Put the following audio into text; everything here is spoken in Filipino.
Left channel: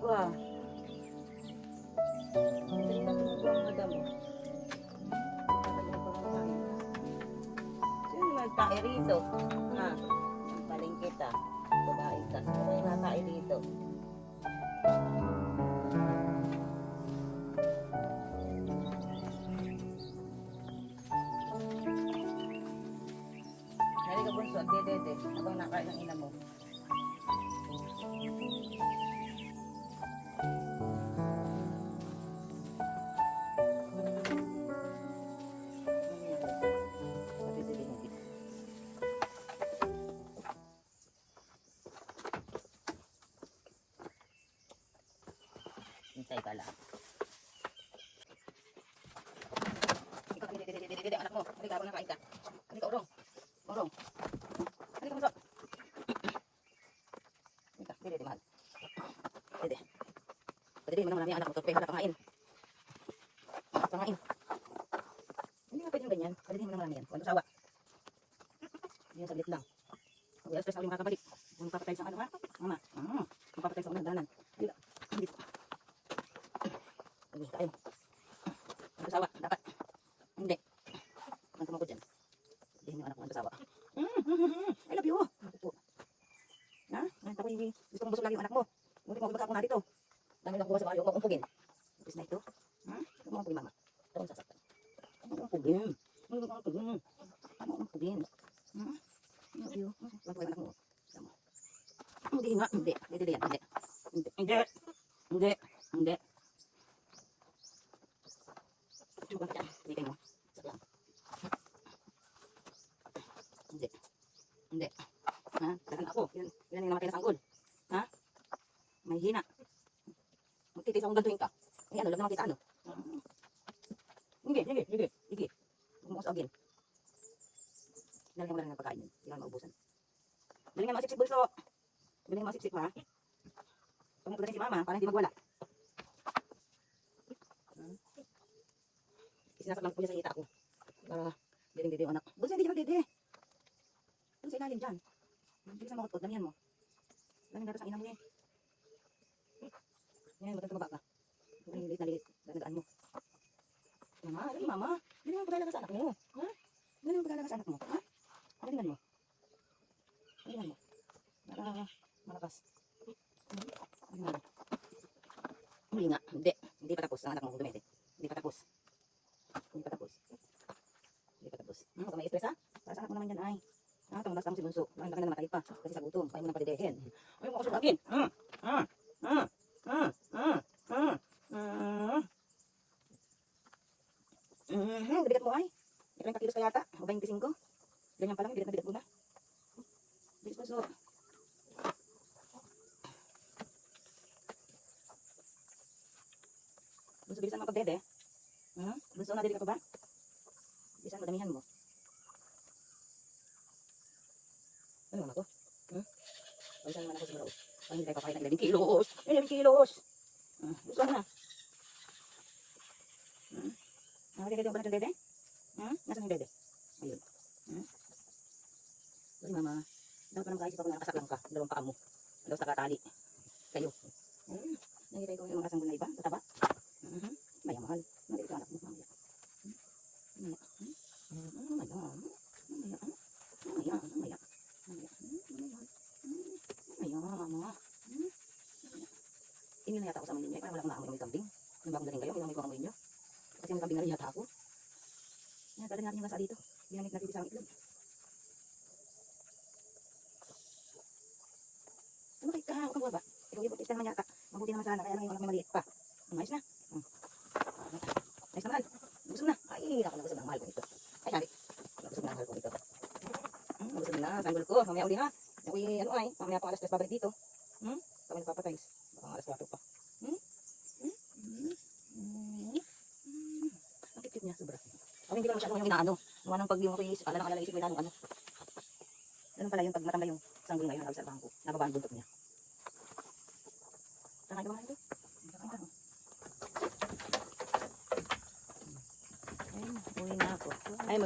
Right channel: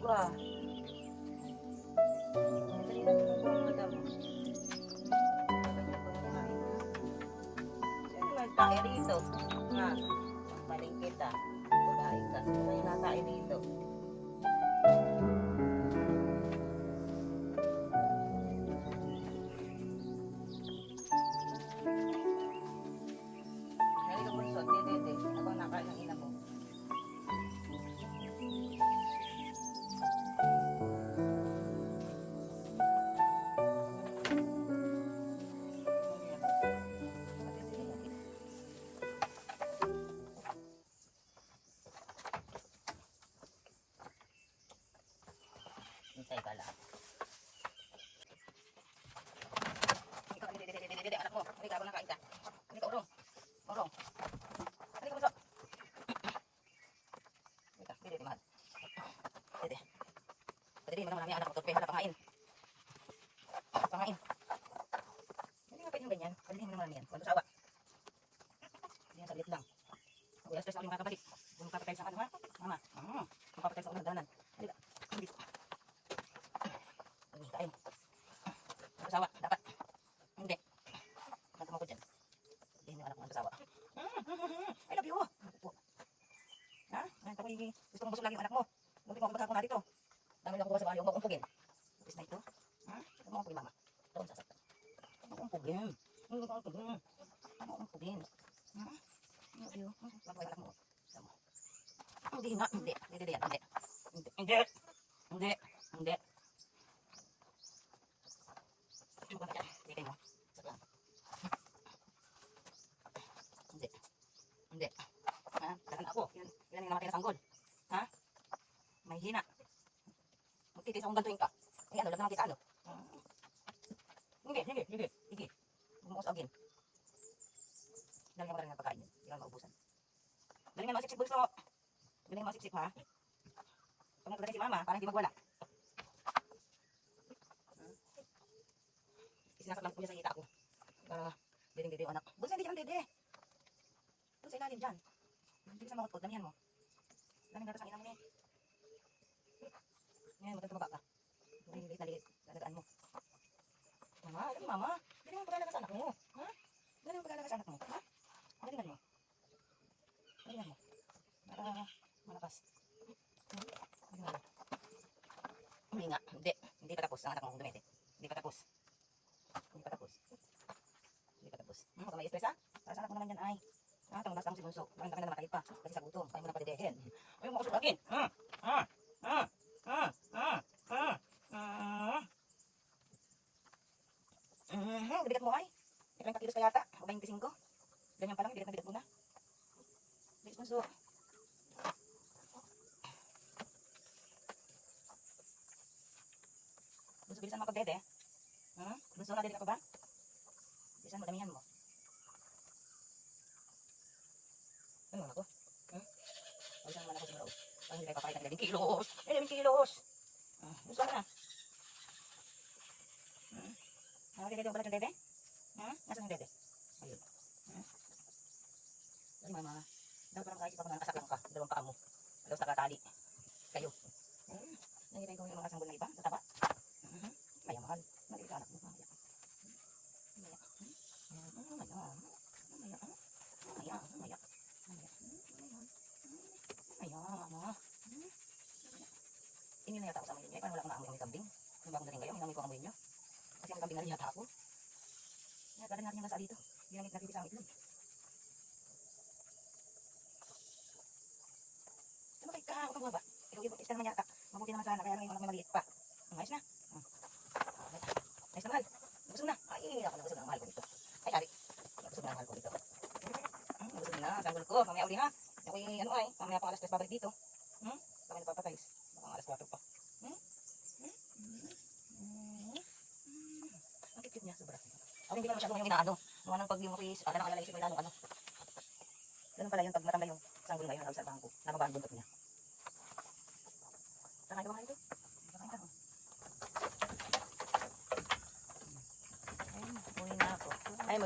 Wah. Tayo dito. Na, paling kita. Kaya tayo dito. Hari ka bunso, dede. Habang nakain ng ina mo. Hintay ka lang. Dede, anak mo. Halika, habang nakain ka. Halika, urong. Urong. Halika, bunso. Halika, dede, mahal. Dede. Dede, mo naman ang anak mo. Halika, pangain. Pangain. Hindi nga pwede yung ganyan. Dede mo naman yan. Huwag sawa. Yan, saglit lang. Ulas stress ako yung makakabalik. Kung makakapagay sa ano ha? Mama. Makakapagay sa unang danan. Halika. Dito. Halika, kain. Huwag sawa. Dapat. Hindi. Huwag tumagod dyan. Dede mo anak mo. Huwag sawa. I love you. Ha? Gusto kong busog lagi yung anak mo. Huwag mo ako na dito. Dami lang ko sa bayo. Huwag mong pugin. Is na ito? Huwag mong pugin, mama. Ito ang sasaktan. Huwag mong pugin. Huwag mong pugin. Huwag mong pugin. I love you. Huwag mo anak mo. Hindi nga. Hindi. Hindi. Hindi. Hindi. Hindi. Hindi. Huwag ka dyan. Hindi mo. Saklang. Hindi. Hindi. Ha? Karan ako. Yan yung namatay na sanggol. Ha? May hina. Magtitis akong gantuin ka. Eh ano, lang naman kita ano. Hindi. Hindi. Huwag mo usagin. Daling mo lang yung pagkain yun. Hindi ka maubusan. Daling yung masipsip bulso. Daling yung masipsip ha. Tumutulong si mama para hindi magwala. Isinasap lang po niya sa hita ko. Dede anak. Bulso hindi ka dede. Bulso inalim dyan. Hindi ka sa makot. Damihan mo. Daling gatas ang ina mo eh. Ngayon mo tumaba ka. Kung lilit na lilit. Dadaan mo. Mama, alam mama. Dali ang pag-alaga sa anak mo. Ha? Dali ang pag-alaga sa anak mo. Ha? Dalihan mo. Dalihan mo. Para malakas. Dalihan mo. Hindi nga. Hindi. Hindi pa tapos ang anak mo. Dumete. Hindi pa tapos. Hindi pa tapos. Hindi pa tapos. Huwag ka may stress ha? Para sa anak mo naman yun ay. Tangabas ka mo si bunso. Ngayon ka na namatay pa. Kasi sa gutom. Kaya mo nang padidehin. Ayaw mo kusog agin. Bigat mo ay. May 20 kilos pa yata. O 25. Ganyan pa lang. Bigat mo na. Bigat pa so. Bunso, bilisan mo pag-bebe. Bunso, nadili ka pa ba? Bilisan mo, damihan mo. Ano naman ako? Bilisan mo naman ako sa maraos. Parang hindi kayo papakita. 11 kilos. 11 kilos. Gusto na. Nakagigil ka ba natin, bebe? Nasaan yung bebe? Ayun. Ayun, mama. Dapat pa naman kaisip ako na nakasak lang ka. Dalawang paa mo. Dalaw sa katali. Kayo. Ayun. Nakita ko yung mga kasanggol na iba. Tataba. Maya, mahal. Nandito ka anak mo. Mamaya. Maya. Mama. Hindi na yata ako sa amoy niyo. Parang wala akong naamoy ng kambing. Nung bagong dating kayo, may amoy ko amoy niyo. Kasi yung kambing na rin yata ako. Kaya dali natin yung nasa dito. Hindi na nagtitipis ang itlog. Lumakit ka, huwag kang baba. Ikaw ibot, isa naman yata. Mabuti naman sana, kaya naman yung anak mo maliit pa. Mais na. Mais na mahal. Busog na. Ay, nakalagasag ang mahal ko ito. Ay, nari. Nakalagasag na mahal ko ito. Busog na, sanggol ko. Mamaya uli ha. Ako yung ano ay, mamaya pang alas 3 babalik dito. Kami nagpapatayos. Baka alas 4 pa. Ang kikit niya, sobra. Ako hindi ba masyadong yung inaano. Nung anong pag yung ako is, pala nakalaisip ko yung ano. Ganun pala yung pag matanda yung sanggol ngayon, nagsa bangko. Nababa ang buntot niya. Saka yung mga ito. Uwi na ako. Ay,